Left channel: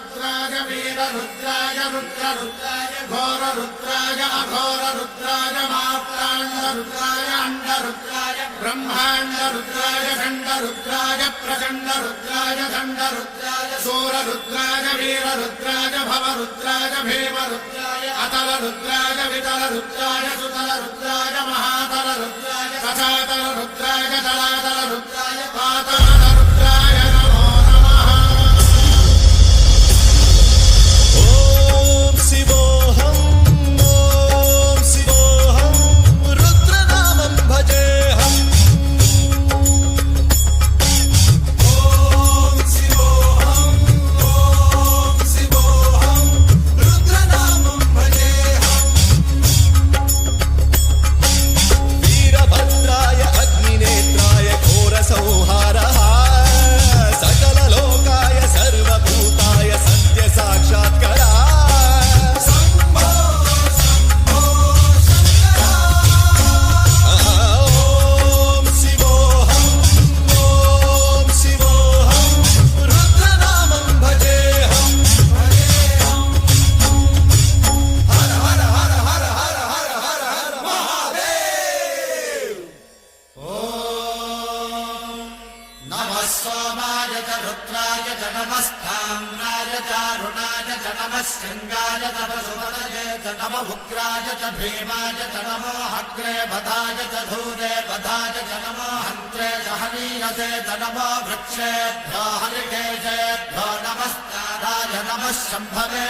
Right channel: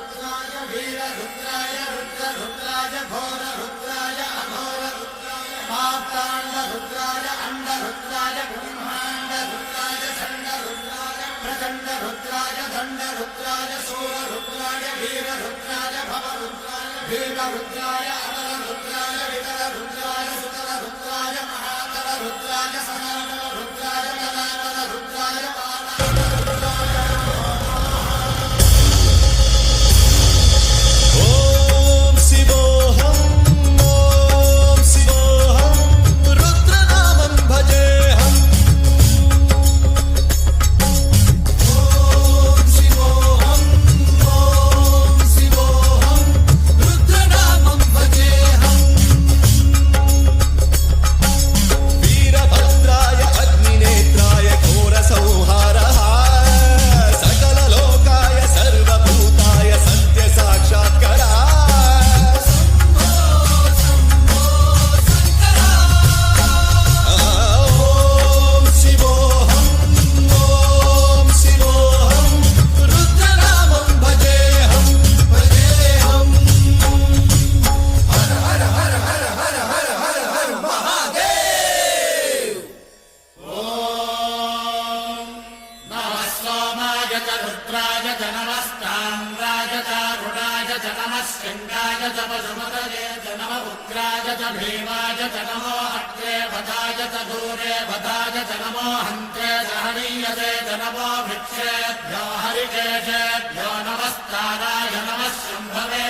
रुद्राय वीर रुद्राय रुद्र रुद्राय घोर रुद्राय अघोर रुद्राय मात्राण्ड रुद्राय अंड रुद्राय ब्रह्मांड रुद्राय खंड रुद्राय प्रचंड रुद्राय दंड रुद्राय सूर रुद्राय वीर रुद्राय भव रुद्राय भीम रुद्राय अतल रुद्राय वितल रुद्राय सुतल रुद्राय महातल रुद्राय सचातल रुद्राय जलातल रुद्राय पाताल रुद्राय नमो नमः। ओम शिवोऽहं रुद्रनामं भजेऽहम्। वीरभद्राय अग्निनेत्राय घोरसंहारः सकललोकाय सर्वभूताय सत्यसाक्षात्करा। ओम शिवोऽहं रुद्रनामं भजेऽहम्। हर हर हर हर हर हर हर हर महादेव। नमः सोमाय च रुद्राय च नमस्ताम्राय च रुणाय च नमः सिंहाय च पशुपतये च नमः उग्राय च भीमाय च नमो अग्रे वधाय च धूरे वधाय च नमो हन्त्रे सहनीयते च नमो वृक्षेभ्यो हरिकेशेभ्यो नमस्काराय नमः शम्भवे